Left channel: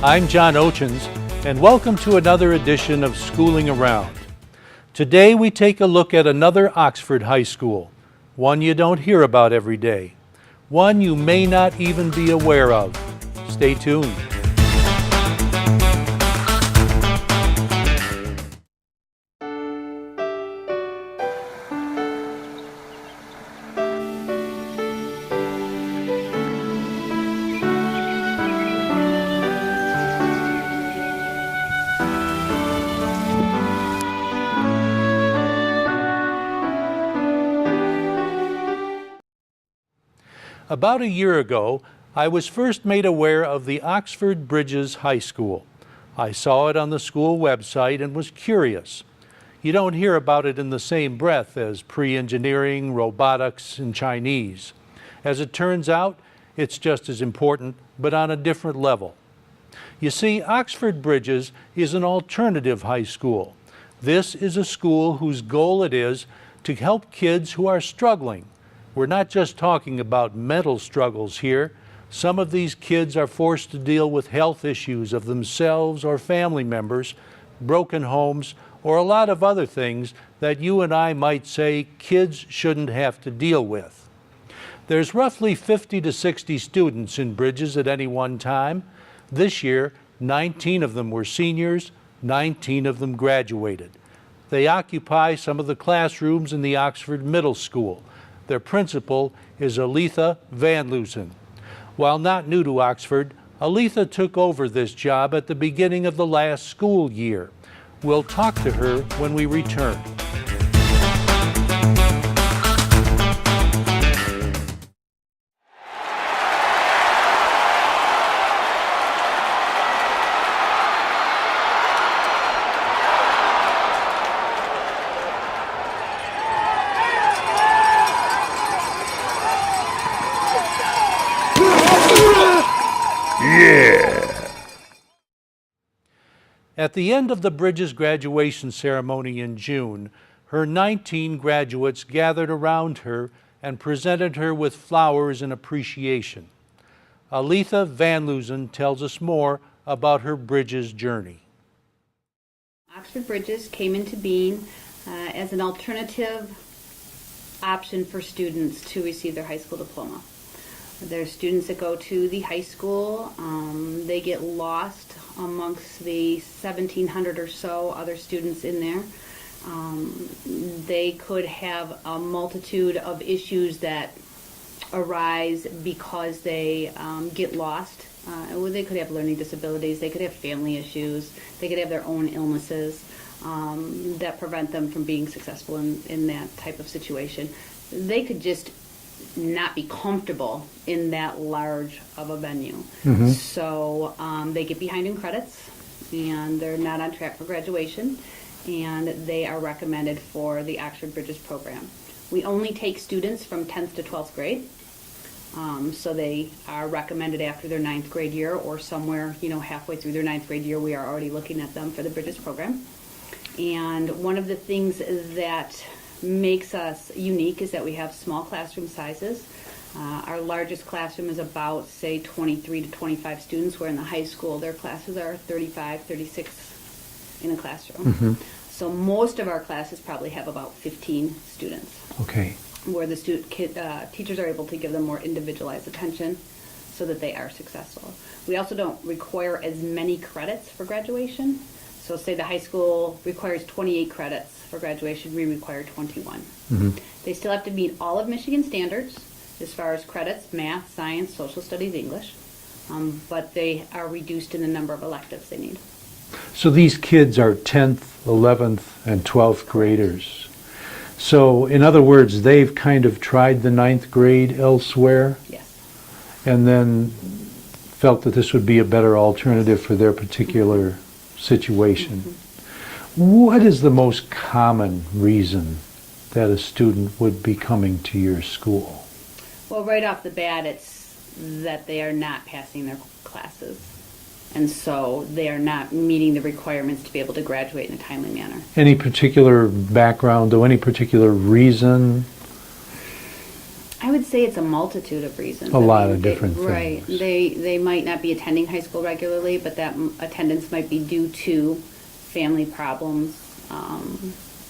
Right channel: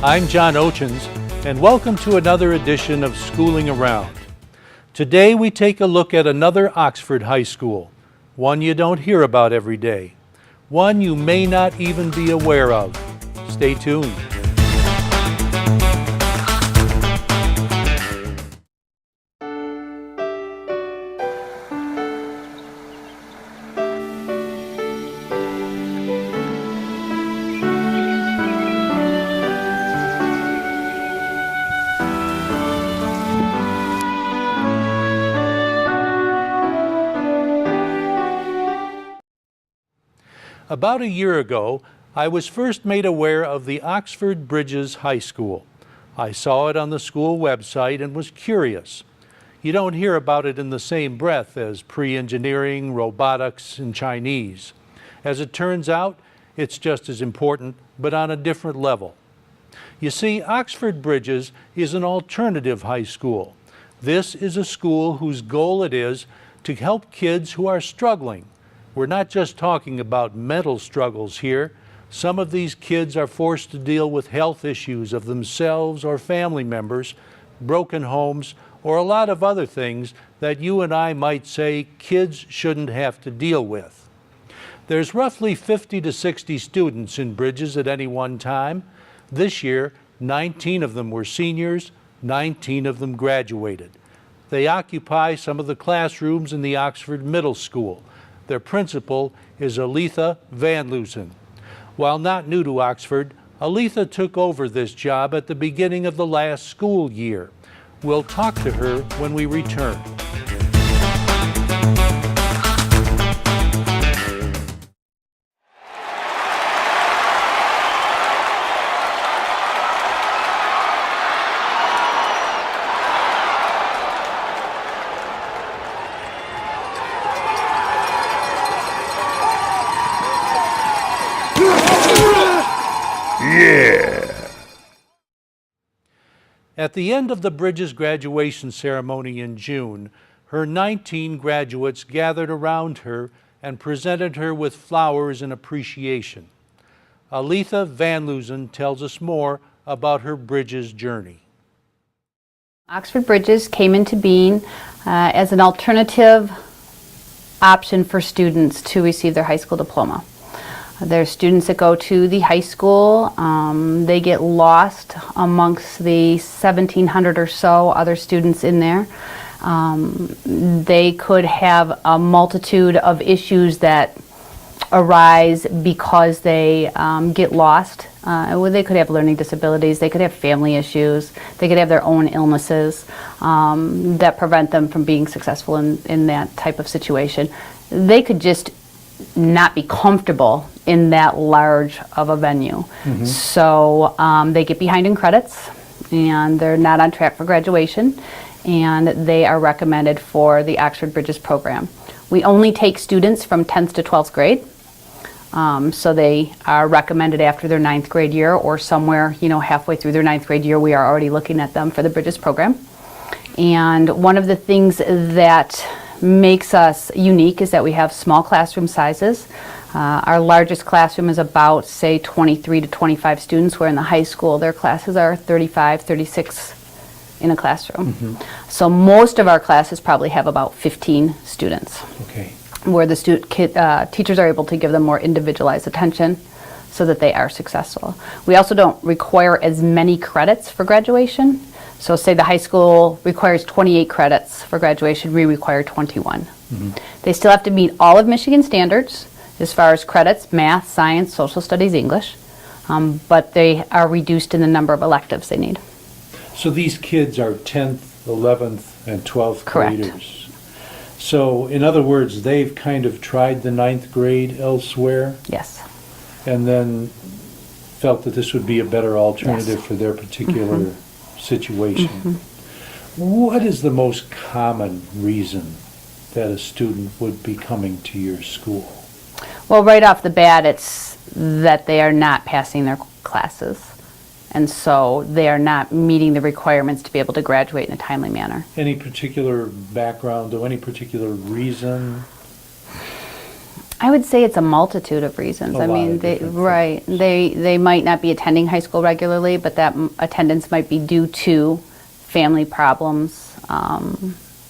I'm John Oetjens, and welcome to another edition of Schooling Around. Today we take a look at another Oxford high school, one you don't hear about every day, one you may not even be aware of. Stay tuned. About a year ago, I was first made aware of the Oxford Bridges High School. I saw it on the school website and was curious. You don't hear about it in the same breath as pre-engineering, robotics, and Chinese. As it turns out, it's just as important, but on a different level. You see, Oxford Bridges is an alternative high school. This is a school whose goal it is to help kids who are struggling. We're not just talking about mental struggles here. Some of these kids are forced to deal with health issues of themselves or family members, broken homes, or a lot of other things that you and I might say kids shouldn't have to deal with. There's roughly 50 to 60 students in Bridges at any one time. This year, 19 of them were seniors, 19 of them graduated. They occupy some of the classrooms in the Oxford Middle School. Their principal is Aletha Van Loosen. While not new to Oxford, Aletha took over this job at the beginning of the last school year. We'll talk to her when we return. At the end of the Bridges graduation ceremony in June, her 19 graduates gathered around her and presented her with flowers in appreciation. Aletha Van Loosen tells us more about her Bridges journey. Oxford Bridges came into being as an alternative option for students to receive their high school diploma. There's students that go to the high school. They get lost amongst the 1,700 or so other students in there. They could have a multitude of issues that arise because they get lost. They could have learning disabilities, they could have family issues, they could have their own illnesses that prevent them from being successful in that type of situation. They could just not be comfortable in that large of a venue. Mm-hmm. So they get behind in credits and they're not on track for graduation, and they are recommended for the Oxford Bridges program. We only take students from 10th to 12th grade. So they are recommended after their 9th grade year, or somewhere halfway through their 9th grade year we are already looking at them for the Bridges program. And one of the things that makes us unique is that we have small classroom sizes. Our largest classroom is about, say, 23 to 25 students, where in the high school their classes are 35, 36 in a classroom. Mm-hmm. So most of our classes probably have about 15 students. Okay. Where the teachers are able to give them more individualized attention so that they are successful. We also don't require as many credits for graduation. So say the high school requires 28 credits for graduation, we require 21. Mm-hmm. They still have to meet all of Michigan standards as far as credits, math, science, social studies, English, but they are reduced in the number of electives they need. So these kids are 10th, 11th, and 12th Correct. Graders. So in other words, they've kind of tried the 9th grade elsewhere? Yes. And then felt that this would be a better alternative Yes. for their particular Mm-hmm. situation. Mm-hmm. What is the most common reason that a student would be coming to your school? Well, right off the bat, it's that they are not passing their classes. And so they are not meeting the requirements to be able to graduate in a timely manner. Any particular background or any particular reason? I would say it's a multitude of reasons. A lot of they, different right. things. They might not be attending high school regularly, but that attendance might be due to family problems.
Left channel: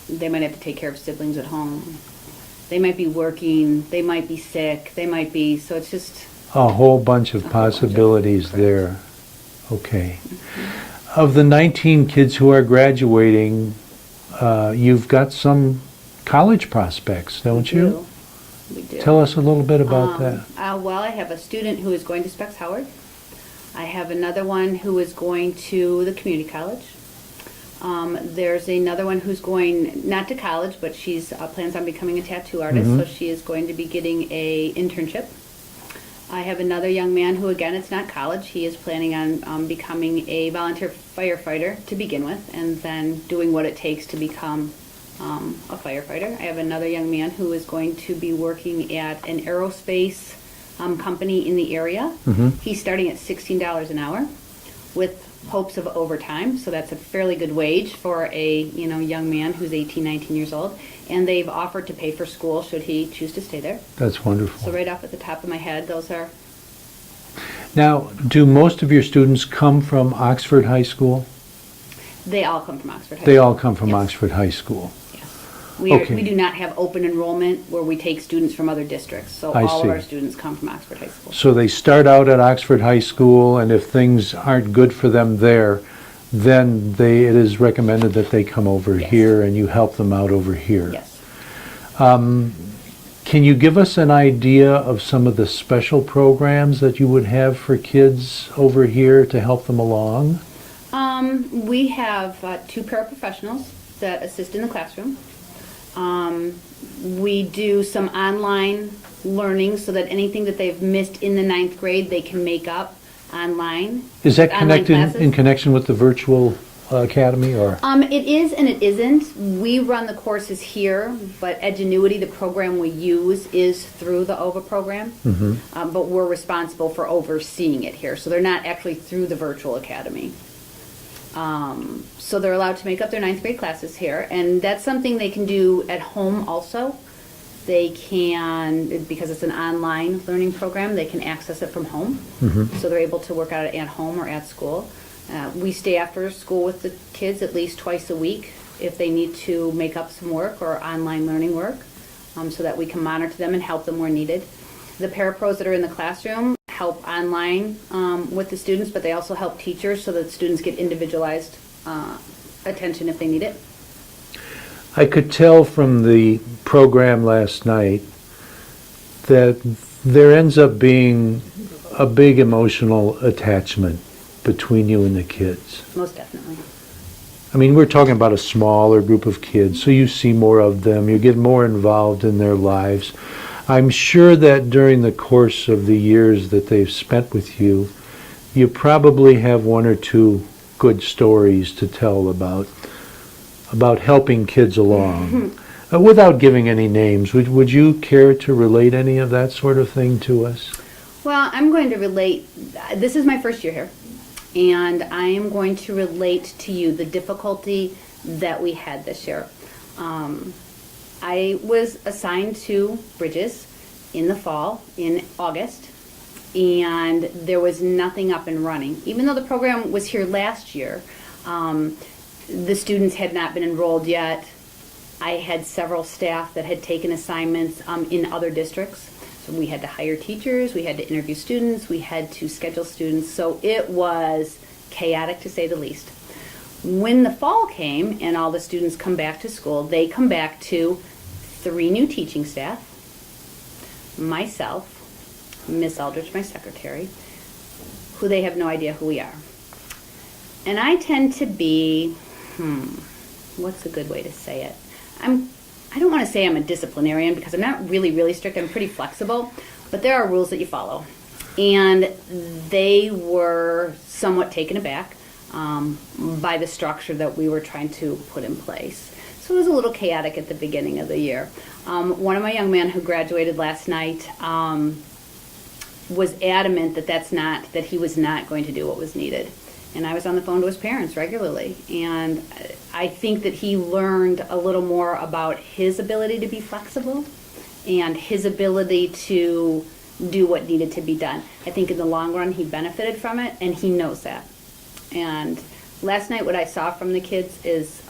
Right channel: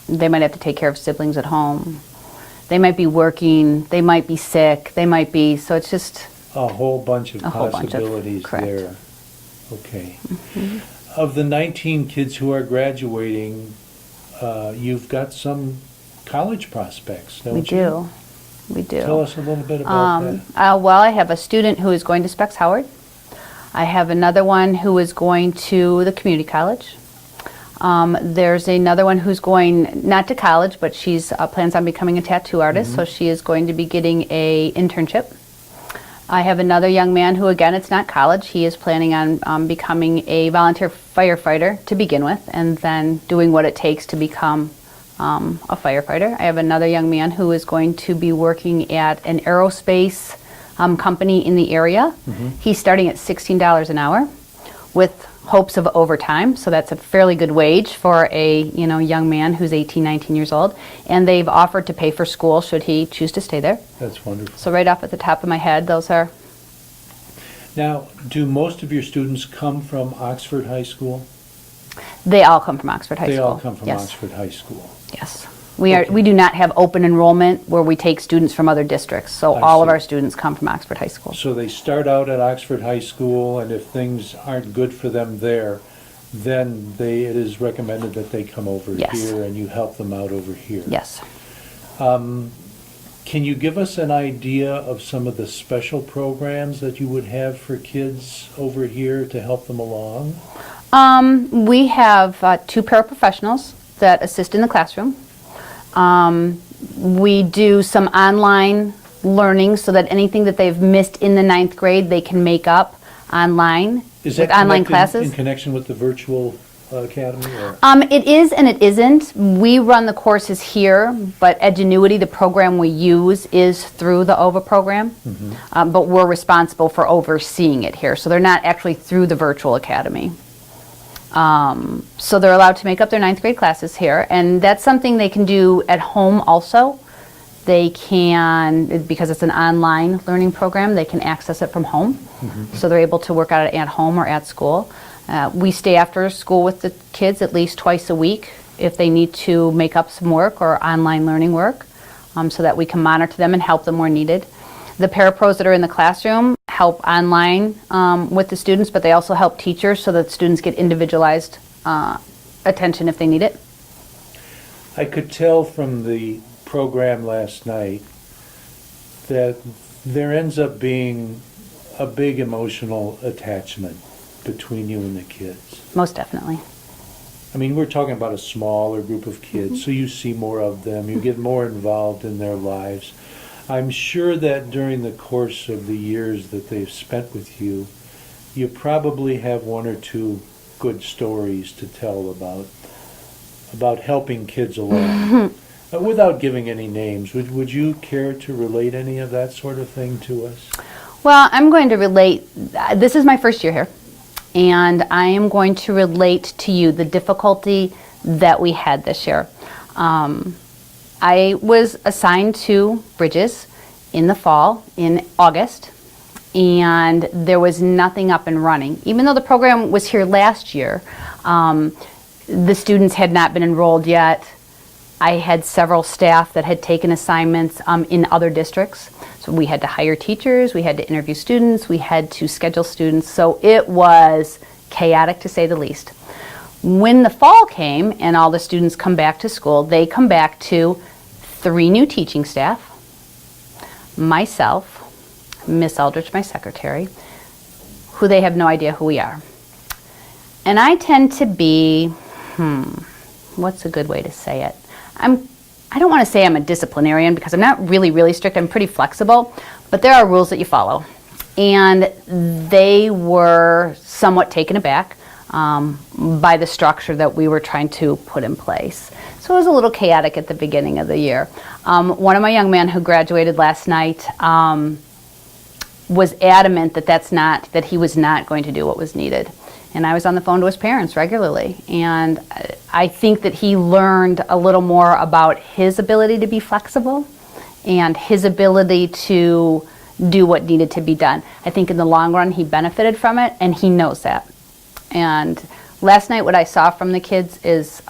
They might have to take care of siblings at home. They might be working. They might be sick. So it's just A whole bunch of a whole bunch of- possibilities correct. there. Okay. Of the 19 kids who are graduating, you've got some college prospects, don't you? We do. Tell us a little bit about that. Well, I have a student who is going to Specs Howard. I have another one who is going to the community college. There's another one who's going not to college, but she's plans on becoming a tattoo artist, so she is going to be getting a internship. I have another young man who, again, it's not college. He is planning on becoming a volunteer firefighter to begin with, and then doing what it takes to become a firefighter. I have another young man who is going to be working at an aerospace company in the area. He's starting at $16 an hour with hopes of overtime, so that's a fairly good wage for a young man who's 18, 19 years old. And they've offered to pay for school should he choose to stay there. That's wonderful. So right off at the top of my head, those are. Now, do most of your students come from Oxford High School? They all come from Oxford High School. They all come from Yes. Oxford High School. Yes. Okay. We do not have open enrollment where we take students from other districts. So I all of see. our students come from Oxford High School. So they start out at Oxford High School, and if things aren't good for them there, then it is recommended that they come over Yes. here and you help them out over here. Yes. Can you give us an idea of some of the special programs that you would have for kids over here to help them along? We have 2 paraprofessionals that assist in the classroom. We do some online learning so that anything that they've missed in the 9th grade, they can make up online. Is that with online connected classes. in connection with the virtual academy, or? It is and it isn't. We run the courses here, but Edgenuity, the program we use, is through the OVA program. But we're responsible for overseeing it here. So they're not actually through the virtual academy. So they're allowed to make up their 9th grade classes here, and that's something they can do at home also. They can, because it's an online learning program, they can access it from home. So they're able to work on it at home or at school. We stay after school with the kids at least twice a week if they need to make up some work or online learning work, so that we can monitor them and help them where needed. The parapros that are in the classroom help online with the students, but they also help teachers so that students get individualized attention if they need it. I could tell from the program last night that there ends up being a big emotional attachment between you and the kids. Most definitely. I mean, we're talking about a smaller group of kids, so you see more of them, you get more involved in their lives. I'm sure that during the course of the years that they've spent with you, you probably have 1 or 2 good stories to tell about helping kids along. Without giving any names, would you care to relate any of that sort of thing to us? Well, I'm going to relate. This is my first year here, and I am going to relate to you the difficulty that we had this year. I was assigned to Bridges in the fall, in August, and there was nothing up and running. Even though the program was here last year, the students had not been enrolled yet. I had several staff that had taken assignments in other districts. So we had to hire teachers, we had to interview students, we had to schedule students. So it was chaotic to say the least. When the fall came and all the students come back to school, they come back to 3 new teaching staff, myself, Miss Aldrich, my secretary, who they have no idea who we are. And I tend to be, what's a good way to say it? I don't want to say I'm a disciplinarian because I'm not really strict. I'm pretty flexible, but there are rules that you follow. And they were somewhat taken aback by the structure that we were trying to put in place. So it was a little chaotic at the beginning of the year. One of my young men who graduated last night was adamant that he was not going to do what was needed. And I was on the phone to his parents regularly. And I think that he learned a little more about his ability to be flexible and his ability to do what needed to be done. I think in the long run he benefited from it, and he knows that. And last night what I saw from the kids is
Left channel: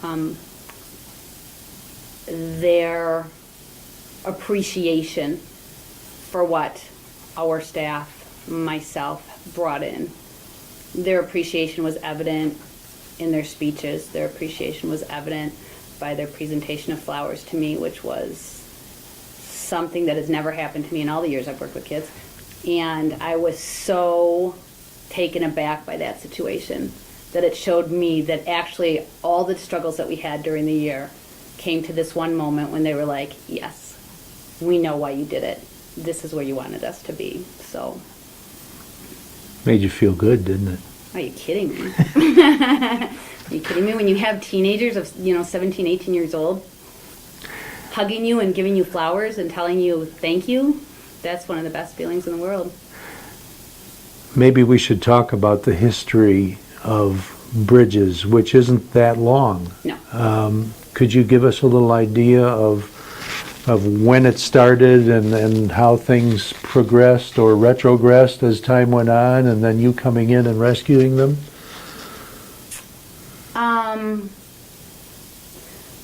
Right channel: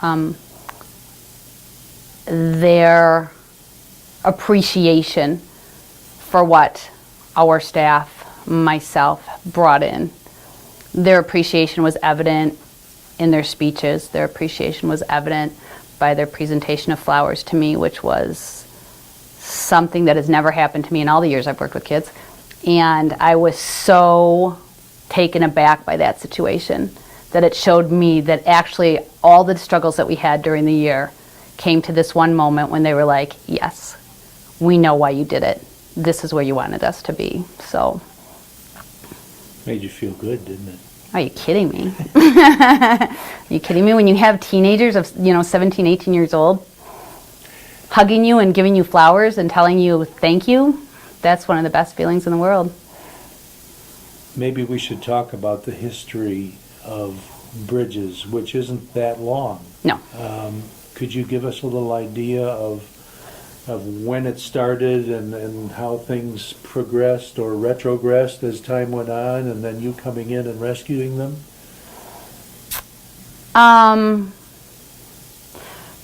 their appreciation for what our staff, myself, brought in. Their appreciation was evident in their speeches. Their appreciation was evident by their presentation of flowers to me, which was something that has never happened to me in all the years I've worked with kids. And I was so taken aback by that situation that it showed me that actually all the struggles that we had during the year came to this one moment when they were like, yes, we know why you did it. This is where you wanted us to be. So. Made you feel good, didn't it? Are you kidding me? Are you kidding me? When you have teenagers of 17, 18 years old hugging you and giving you flowers and telling you thank you, that's one of the best feelings in the world. Maybe we should talk about the history of Bridges, which isn't that long. No. Could you give us a little idea of when it started and how things progressed or retrogressed as time went on, and then you coming in and rescuing them?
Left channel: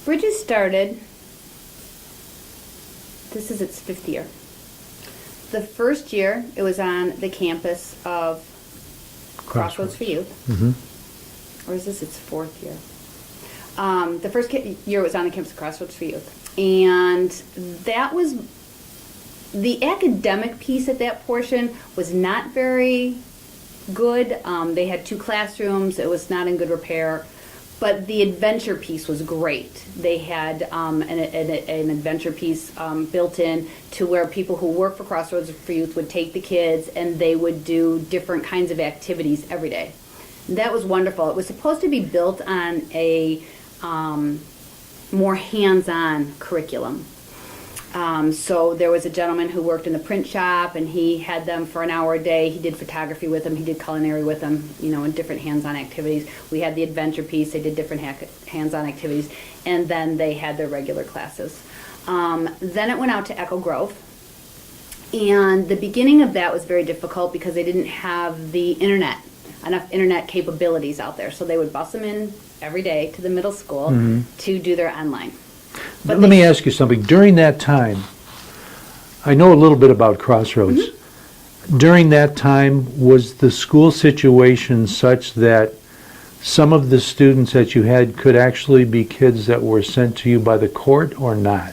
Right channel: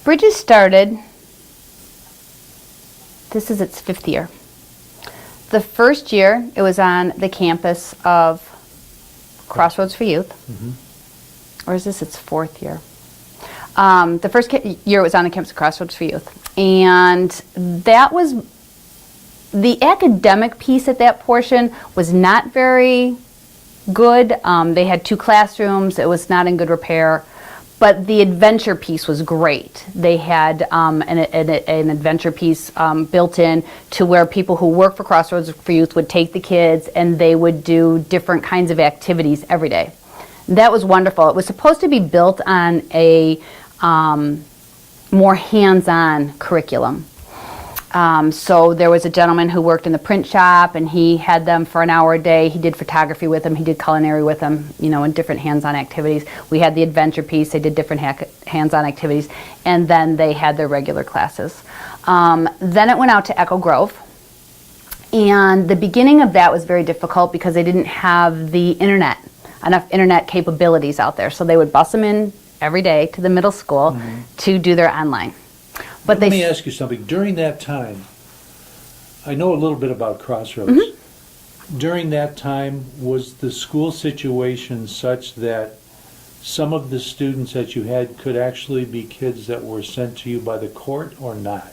Bridges started, this is its 5th year. The first year it was on the campus of Crossroads for Youth. Mm-hmm. Or is this its 4th year? The first year it was on the campus of Crossroads for Youth. And that was, the academic piece at that portion was not very good. They had 2 classrooms. It was not in good repair. But the adventure piece was great. They had an adventure piece built in to where people who work for Crossroads for Youth would take the kids and they would do different kinds of activities every day. That was wonderful. It was supposed to be built on a more hands-on curriculum. So there was a gentleman who worked in the print shop, and he had them for an hour a day. He did photography with them. He did culinary with them, in different hands-on activities. We had the adventure piece. They did different hands-on activities. And then they had their regular classes. Then it went out to Echo Grove. And the beginning of that was very difficult because they didn't have the enough internet capabilities out there. So they would bus them in every day to the middle school mm-hmm. to do their online. But let me ask you something. During that time, I know a little bit about Crossroads. Mm-hmm. During that time, was the school situation such that some of the students that you had could actually be kids that were sent to you by the court or not?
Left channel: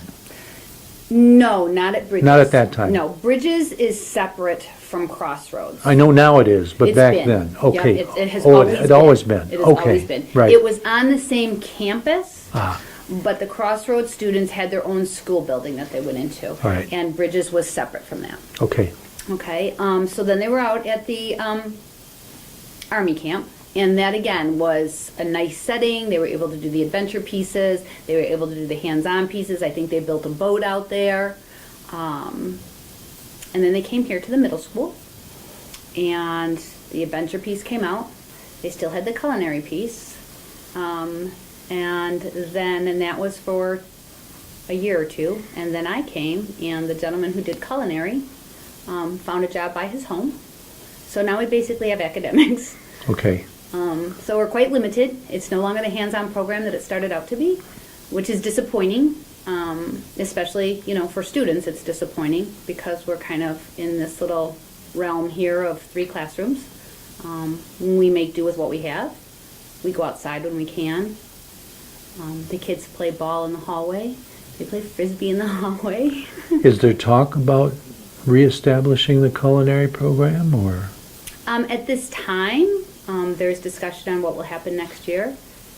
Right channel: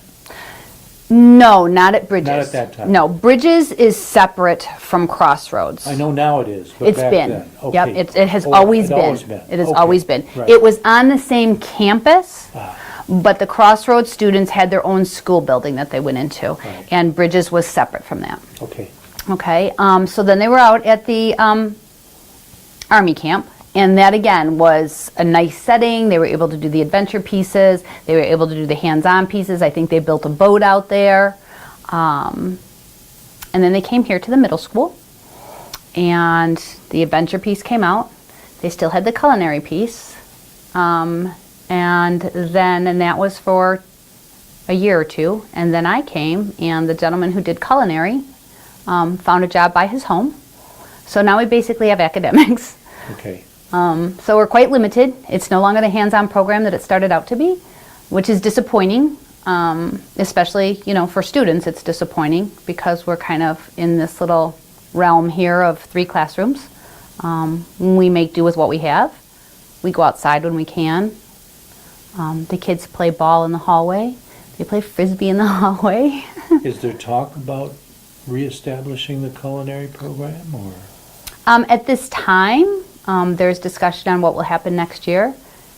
No, not at Bridges. Not at that time? No, Bridges is separate from Crossroads. I know now it is, but back then. Okay. Yep, it has always been. It has always been. Right. It was on the same campus. But the Crossroads students had their own school building that they went into, right. And Bridges was separate from that. Okay. Okay. So then they were out at the Army camp, and that again was a nice setting. They were able to do the adventure pieces. They were able to do the hands-on pieces. I think they built a boat out there, and then they came here to the middle school, and the adventure piece came out. They still had the culinary piece. And that was for a year or two. And then I came, and the gentleman who did culinary found a job by his home. So now we basically have academics. Okay. So we're quite limited. It's no longer the hands-on program that it started out to be, which is disappointing, especially, for students. It's disappointing because we're kind of in this little realm here of 3 classrooms. We make do with what we have. We go outside when we can. The kids play ball in the hallway. They play frisbee in the hallway. Is there talk about reestablishing the culinary program, or? At this time, there's discussion on what will happen next year,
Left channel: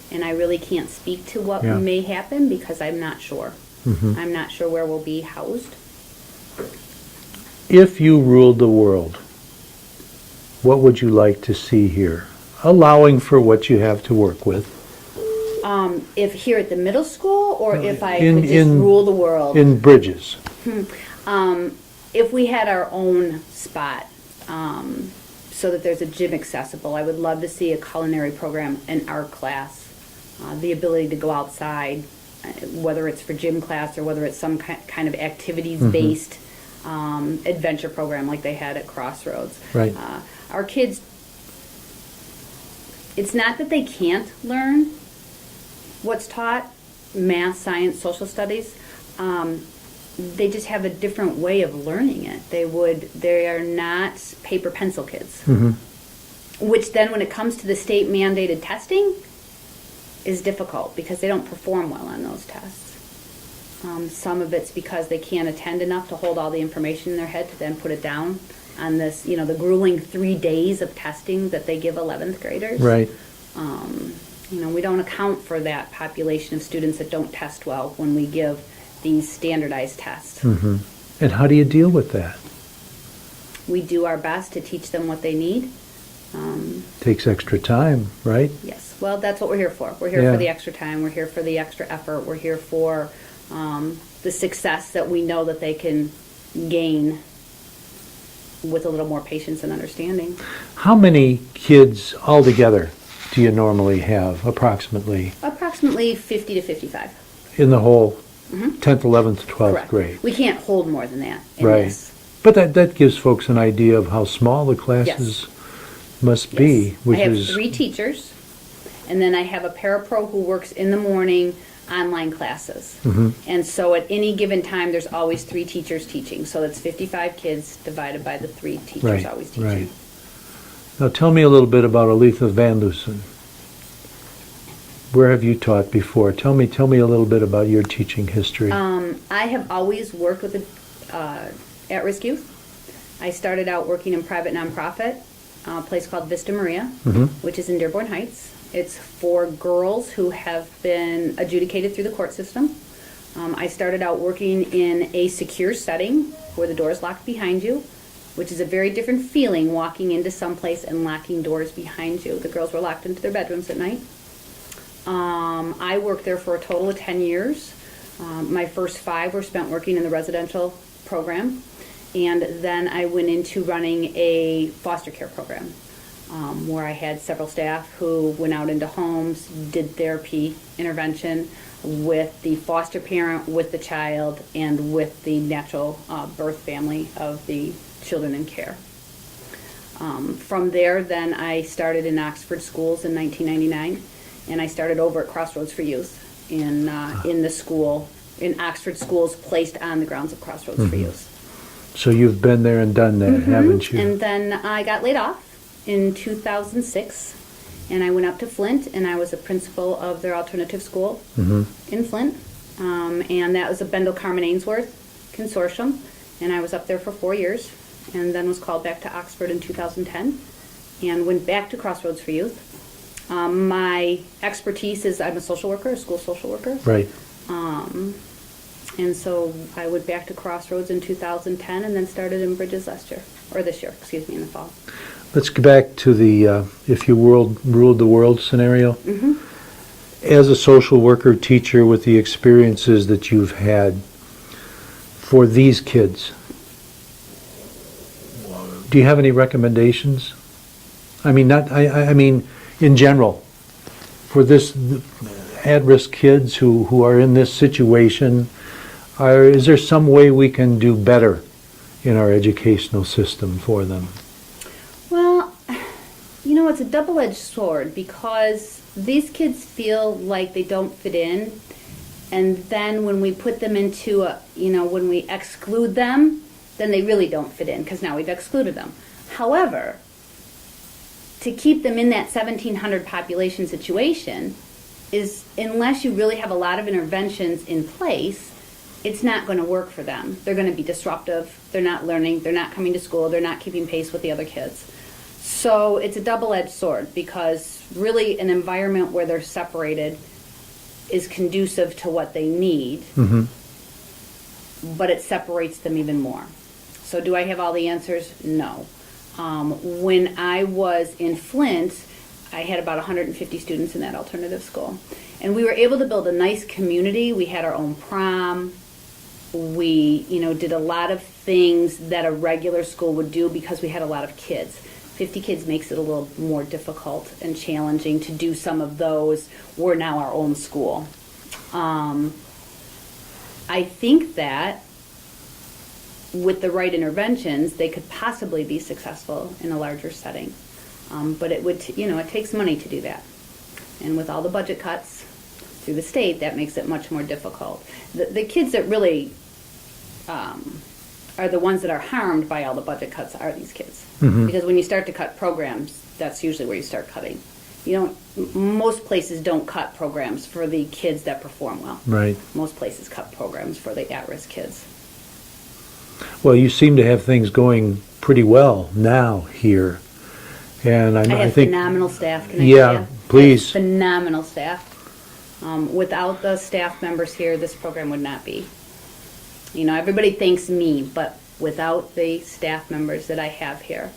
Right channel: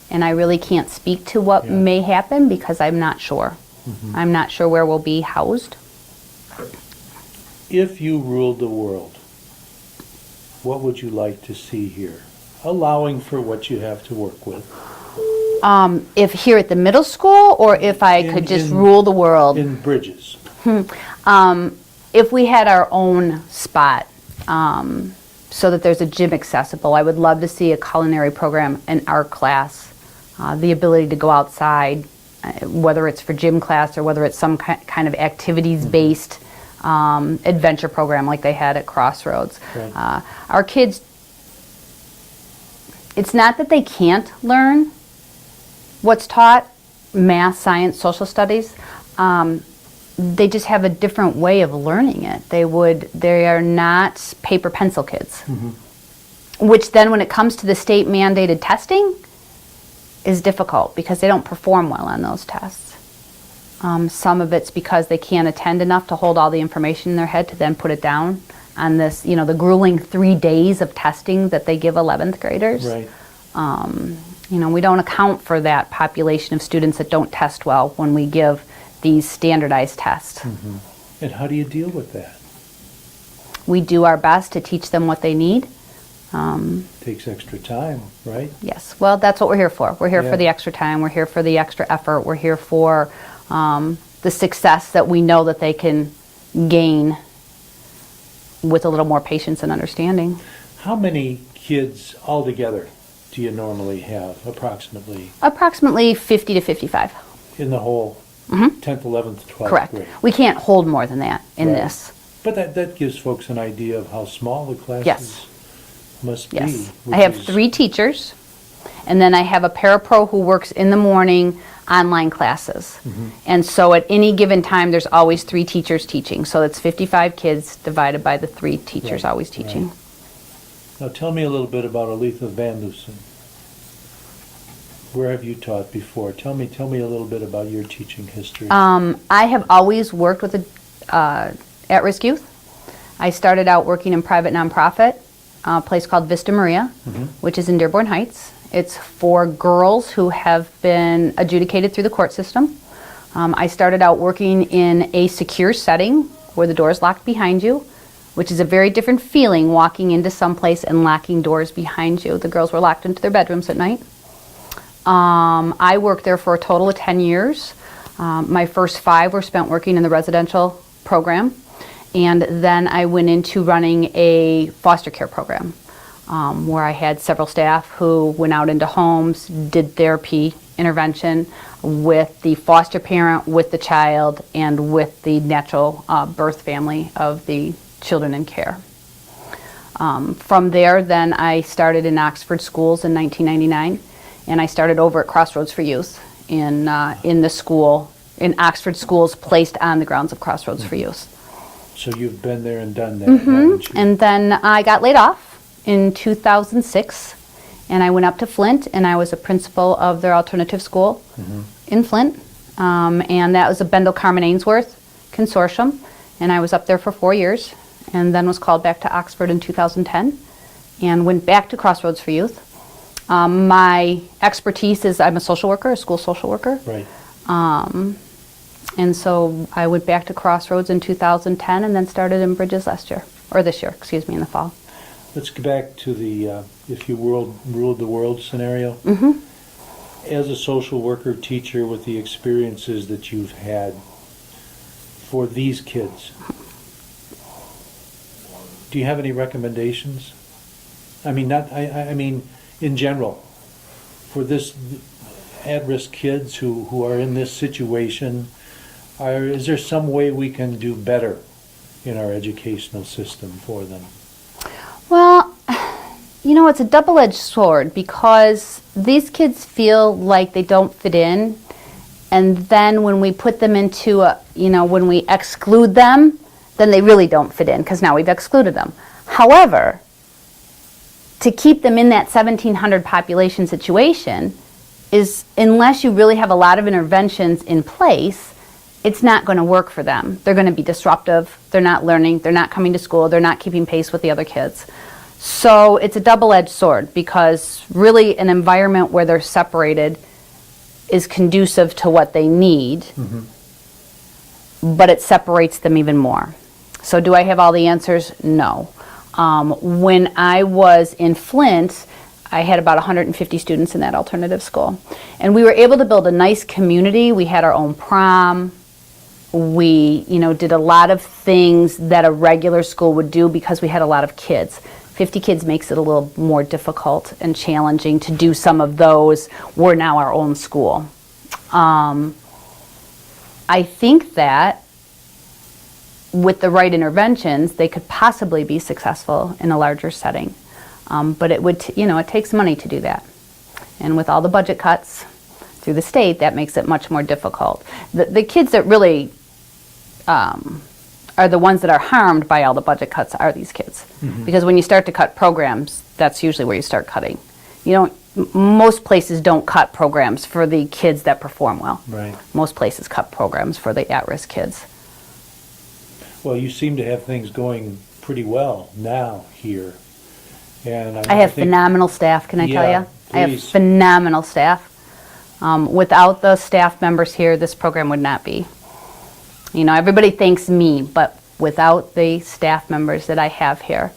and I really can't speak to what may happen because I'm not sure. Mm-hmm. I'm not sure where we'll be housed. If you ruled the world, what would you like to see here, allowing for what you have to work with? If here at the middle school, or if I could just rule the world? In Bridges. If we had our own spot, so that there's a gym accessible, I would love to see a culinary program in our class. The ability to go outside whether it's for gym class or whether it's some kind of activities-based adventure program like they had at Crossroads. Right. Our kids, it's not that they can't learn what's taught, math, science, social studies. They just have a different way of learning it. They are not paper pencil kids. Which then when it comes to the state mandated testing is difficult because they don't perform well on those tests. Some of it's because they can't attend enough to hold all the information in their head to then put it down on this, the grueling 3 days of testing that they give 11th graders. Right. We don't account for that population of students that don't test well when we give these standardized tests. And how do you deal with that? We do our best to teach them what they need. Takes extra time, right? Yes, well, that's what we're here for. We're here Yeah. for the extra time. We're here for the extra effort. We're here for the success that we know that they can gain with a little more patience and understanding. How many kids altogether do you normally have, approximately, Approximately 50 to 55. in the whole 10th, 11th, 12th Correct. grade? We can't hold more than that in Right. this. But that gives folks an idea of how small the classes must Yes. be. I have 3 teachers, and then I have a parapro who works in the morning online classes. And so at any given time, there's always 3 teachers teaching. So it's 55 kids divided by the 3 teachers Right, always teaching. right. Now tell me a little bit about Aletha Van Loosen. Where have you taught before? Tell me a little bit about your teaching history. I have always worked with at-risk youth. I started out working in private nonprofit, a place called Vista Maria, which is in Dearborn Heights. It's for girls who have been adjudicated through the court system. I started out working in a secure setting where the door is locked behind you, which is a very different feeling walking into some place and locking doors behind you. The girls were locked into their bedrooms at night. I worked there for a total of 10 years. My first 5 were spent working in the residential program, and then I went into running a foster care program where I had several staff who went out into homes, did therapy intervention with the foster parent, with the child, and with the natural birth family of the children in care. From there, then I started in Oxford schools in 1999. And I started over at Crossroads for Youth in the school, in Oxford schools placed on the grounds of Crossroads for Youth. So you've been there and done that, haven't you? And then I got laid off in 2006, and I went up to Flint, and I was a principal of their alternative school in Flint. And that was a Bendel Carmen Ainsworth consortium, and I was up there for 4 years, and then was called back to Oxford in 2010, and went back to Crossroads for Youth. My expertise is I'm a social worker, a school social worker. Right. And so I went back to Crossroads in 2010 and then started in Bridges this year, in the fall. Let's go back to the if you ruled the world scenario. As a social worker, teacher, with the experiences that you've had for these kids, do you have any recommendations? I mean, in general, for this at-risk kids who are in this situation, is there some way we can do better in our educational system for them? Well, it's a double-edged sword because these kids feel like they don't fit in, and then when we put them into when we exclude them, then they really don't fit in because now we've excluded them. However, to keep them in that 1,700 population situation is, unless you really have a lot of interventions in place, it's not going to work for them. They're going to be disruptive, they're not learning, they're not coming to school, they're not keeping pace with the other kids. So it's a double-edged sword because really an environment where they're separated is conducive to what they need, but it separates them even more. So do I have all the answers? No. When I was in Flint, I had about 150 students in that alternative school. And we were able to build a nice community. We had our own prom. We, did a lot of things that a regular school would do because we had a lot of kids. 50 kids makes it a little more difficult and challenging to do some of those. We're now our own school. I think that with the right interventions, they could possibly be successful in a larger setting. But it would, it takes money to do that. And with all the budget cuts through the state, that makes it much more difficult. The kids that really are the ones that are harmed by all the budget cuts are these kids. Mm-hmm. Because when you start to cut programs, that's usually where you start cutting. Most places don't cut programs for the kids that perform well. Right. Most places cut programs for the at-risk kids. Well, you seem to have things going pretty well now here. And I have phenomenal staff, can I tell you? Yeah, please. I have phenomenal staff. Without the staff members here, this program would not be. Everybody thanks me, but without the staff members that I have here.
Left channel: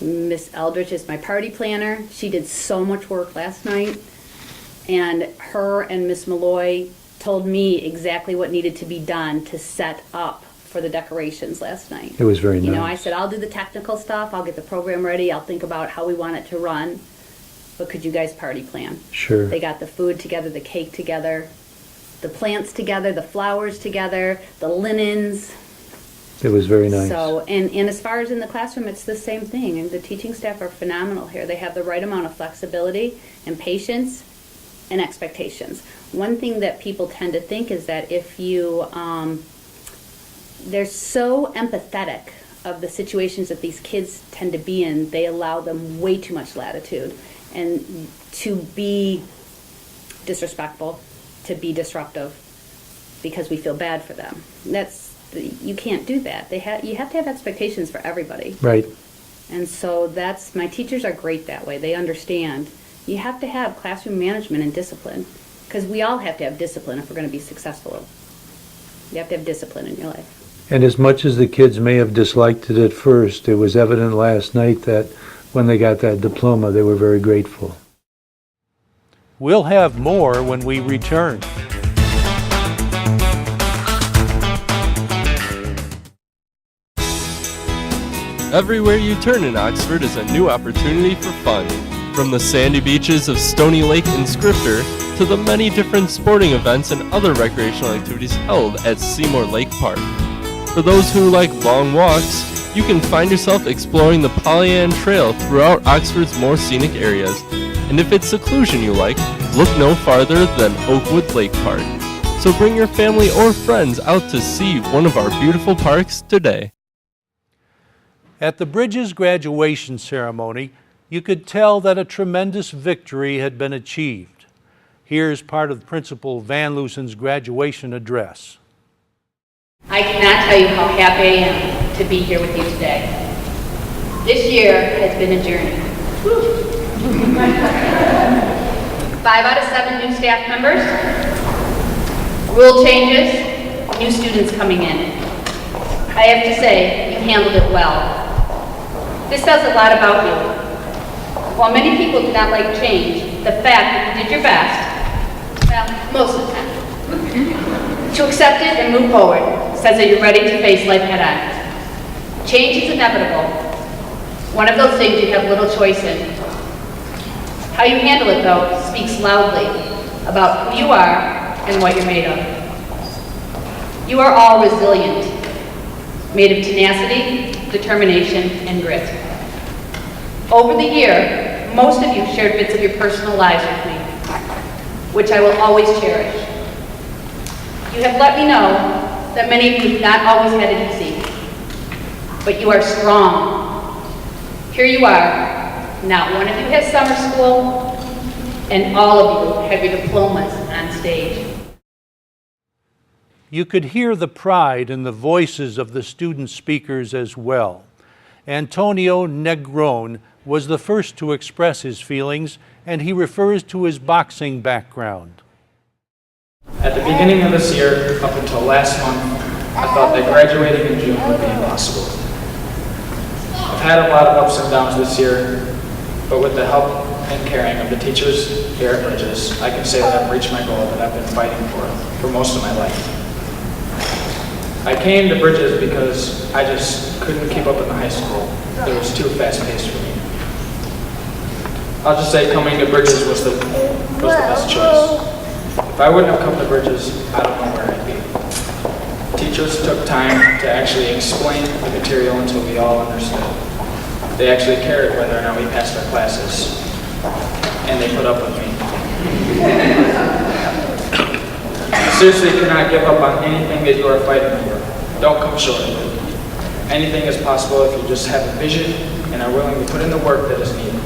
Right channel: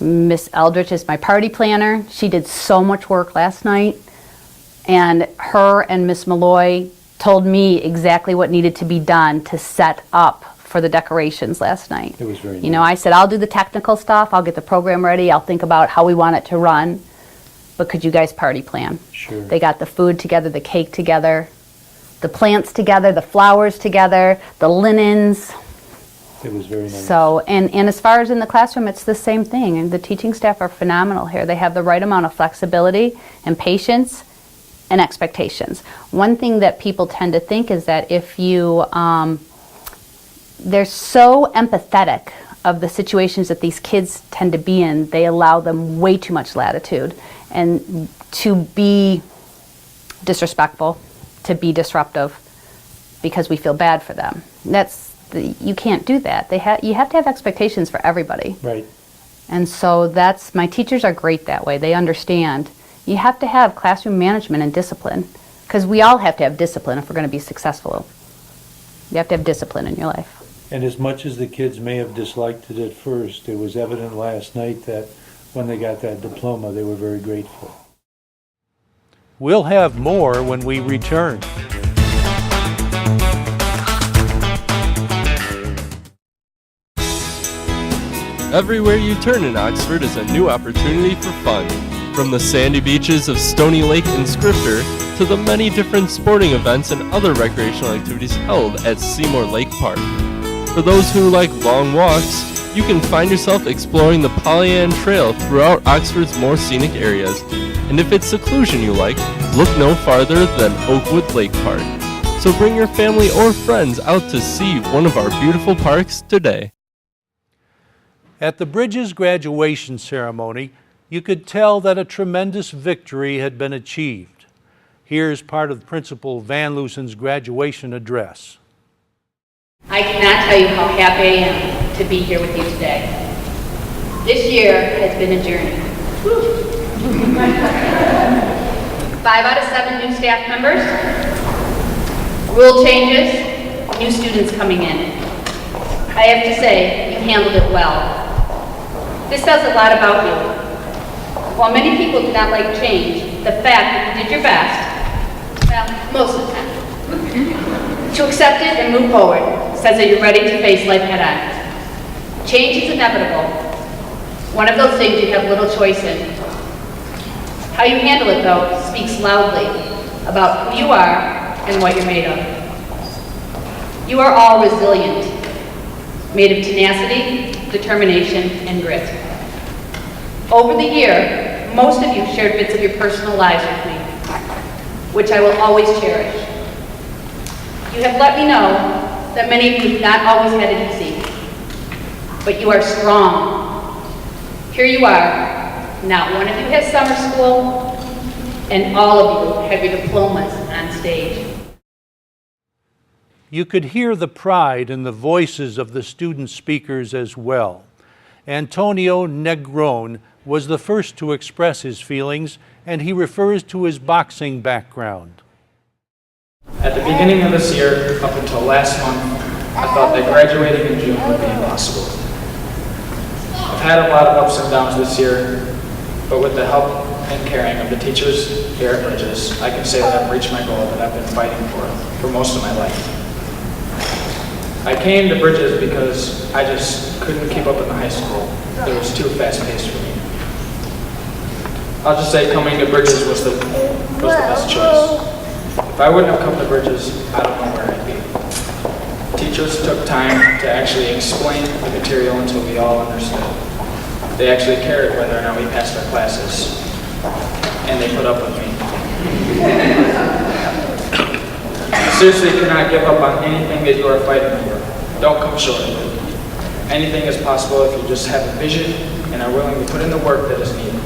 Miss Eldridge is my party planner. She did so much work last night. And her and Miss Malloy told me exactly what needed to be done to set up for the decorations last night. It was very nice. I said, I'll do the technical stuff. I'll get the program ready. I'll think about how we want it to run. But could you guys party plan? Sure. They got the food together, the cake together, the plants together, the flowers together, the linens. It was very nice. So, and as far as in the classroom, it's the same thing. And the teaching staff are phenomenal here. They have the right amount of flexibility and patience and expectations. One thing that people tend to think is that if you, they're so empathetic of the situations that these kids tend to be in, they allow them way too much latitude. And to be disrespectful, to be disruptive, because we feel bad for them. You can't do that. You have to have expectations for everybody. Right. And so my teachers are great that way. They understand. You have to have classroom management and discipline, because we all have to have discipline if we're going to be successful. You have to have discipline in your life. And as much as the kids may have disliked it at first, it was evident last night that when they got that diploma, they were very grateful. We'll have more when we return. Everywhere you turn in Oxford is a new opportunity for fun. From the sandy beaches of Stony Lake and Scrifter to the many different sporting events and other recreational activities held at Seymour Lake Park. For those who like long walks, you can find yourself exploring the Pollyant Trail throughout Oxford's more scenic areas. And if it's seclusion you like, look no farther than Oakwood Lake Park. So bring your family or friends out to see one of our beautiful parks today. At the Bridges graduation ceremony, you could tell that a tremendous victory had been achieved. Here's part of Principal Van Loosen's graduation address. I cannot tell you how happy I am to be here with you today. This year has been a journey. 5 out of 7 new staff members, rule changes, new students coming in. I have to say, you handled it well. This says a lot about you. While many people do not like change, the fact that you did your best, well, most of the time, to accept it and move forward says that you're ready to face life head on. Change is inevitable. One of those things you have little choice in. How you handle it, though, speaks loudly about who you are and what you're made of. You are all resilient, made of tenacity, determination, and grit. Over the year, most of you shared bits of your personal lives with me, which I will always cherish. You have let me know that many of you have not always had it easy, but you are strong. Here you are. Not one of you has summer school, and all of you have your diplomas on stage. You could hear the pride in the voices of the student speakers as well. Antonio Negron was the first to express his feelings, and he refers to his boxing background. At the beginning of this year, up until last month, I thought that graduating in June would be impossible. I've had a lot of ups and downs this year, but with the help and caring of the teachers here at Bridges, I can say that I've reached my goal that I've been fighting for most of my life. I came to Bridges because I just couldn't keep up in the high school. It was too fast-paced for me. I'll just say coming to Bridges was the best choice. If I wouldn't have come to Bridges, I don't know where I'd be. Teachers took time to actually explain the material until we all understood. They actually cared whether or not we passed our classes, and they put up with me. Seriously, cannot give up on anything that you are fighting for. Don't come short of it. Anything is possible if you just have a vision and are willing to put in the work that is needed.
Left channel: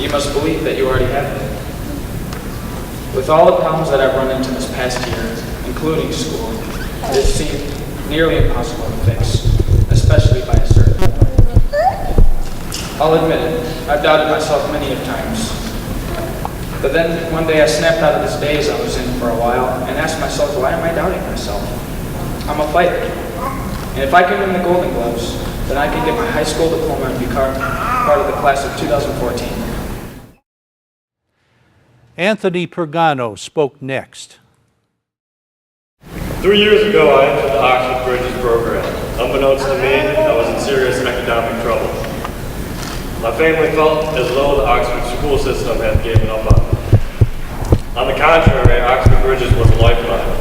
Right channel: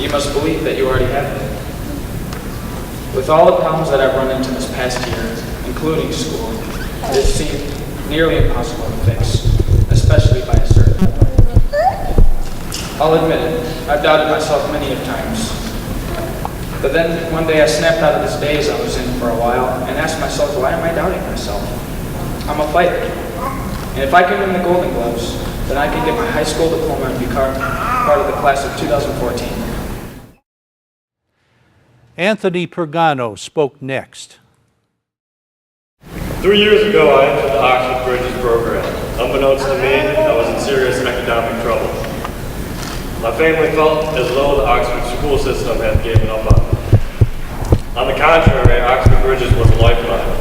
You must believe that you already have it. With all the problems that I've run into this past year, including school, it seemed nearly impossible to fix, especially by a certain point. I'll admit it, I've doubted myself many of times. But then one day I snapped out of this daze I was in for a while and asked myself, why am I doubting myself? I'm a fighter. And if I can win the Golden Gloves, then I can get my high school diploma and become part of the class of 2014. Anthony Pergano spoke next. 3 years ago, I entered the Oxford Bridges program. Unbeknownst to me, I was in serious economic trouble. My family felt as though the Oxford school system had given up on me. On the contrary, Oxford Bridges was a lifeline.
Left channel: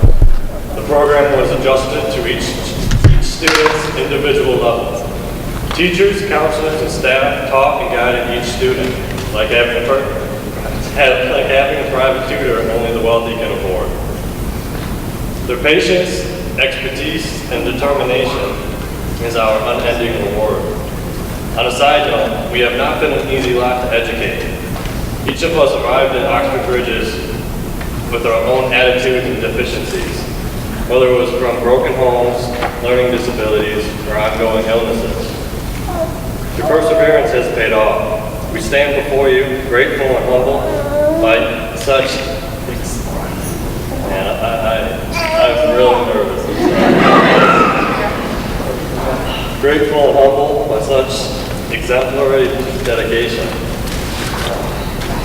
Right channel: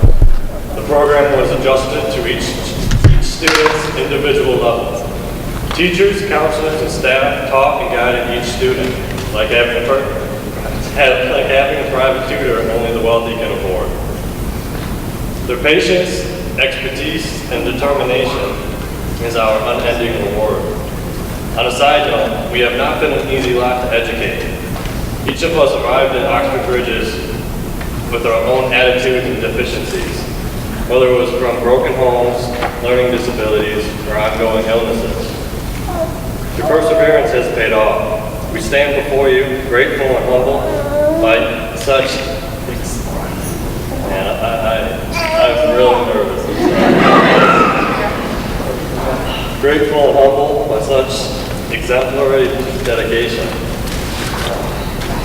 The program was adjusted to each student's individual level. Teachers, counselors, and staff taught and guided each student like having a private tutor only the wealthy can afford. Their patience, expertise, and determination is our unending reward. On a side note, we have not been an easy lot to educate. Each of us arrived at Oxford Bridges with our own attitudes and deficiencies, whether it was from broken homes, learning disabilities, or ongoing illnesses. Your perseverance has paid off. We stand before you grateful and humble by such, I'm really nervous. Grateful and humble by such exemplary dedication.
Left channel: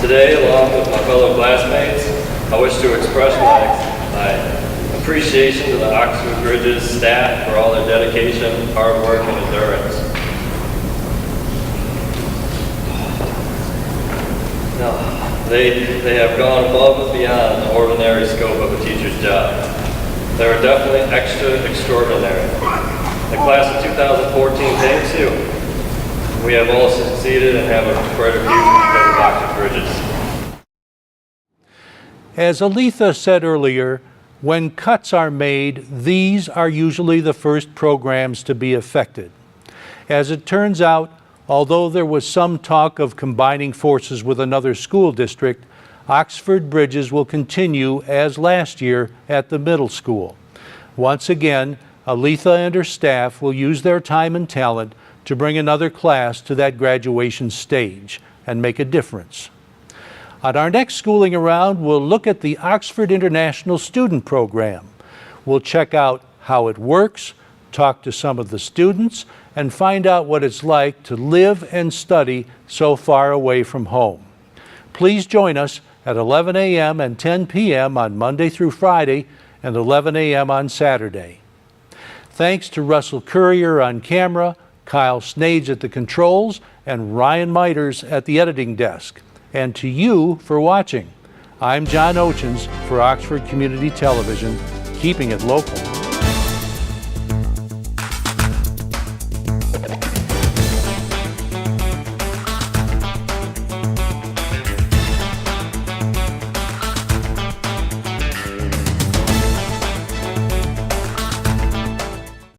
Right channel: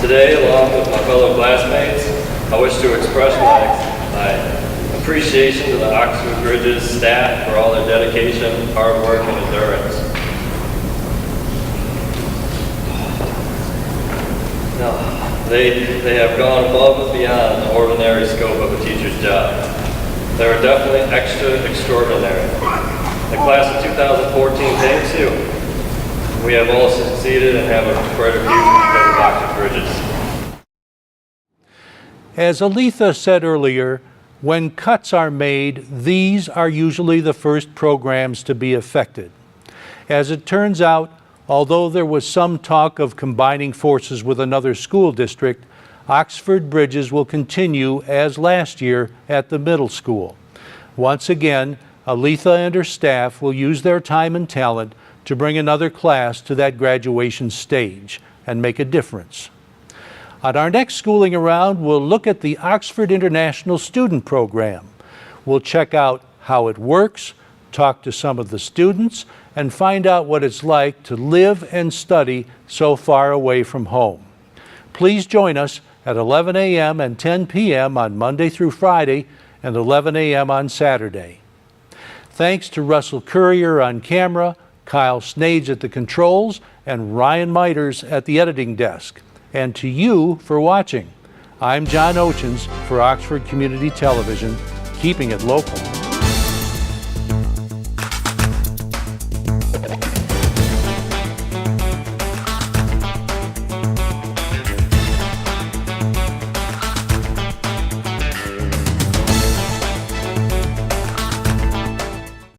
Today, along with my fellow classmates, I wish to express my appreciation to the Oxford Bridges staff for all their dedication, hard work, and endurance. They have gone above and beyond the ordinary scope of a teacher's job. They are definitely extraordinary. The class of 2014 thanks you. We have all succeeded and have a brighter future because of Oxford Bridges. As Aletha said earlier, when cuts are made, these are usually the first programs to be affected. As it turns out, although there was some talk of combining forces with another school district, Oxford Bridges will continue as last year at the middle school. Once again, Aletha and her staff will use their time and talent to bring another class to that graduation stage and make a difference. On our next Schooling Around, we'll look at the Oxford International Student Program. We'll check out how it works, talk to some of the students, and find out what it's like to live and study so far away from home. Please join us at 11 a.m. and 10 p.m. on Monday through Friday and 11 a.m. on Saturday. Thanks to Russell Courier on camera, Kyle Snades at the controls, and Ryan Miters at the editing desk. And to you for watching. I'm John Oetjens for Oxford Community Television, keeping it local.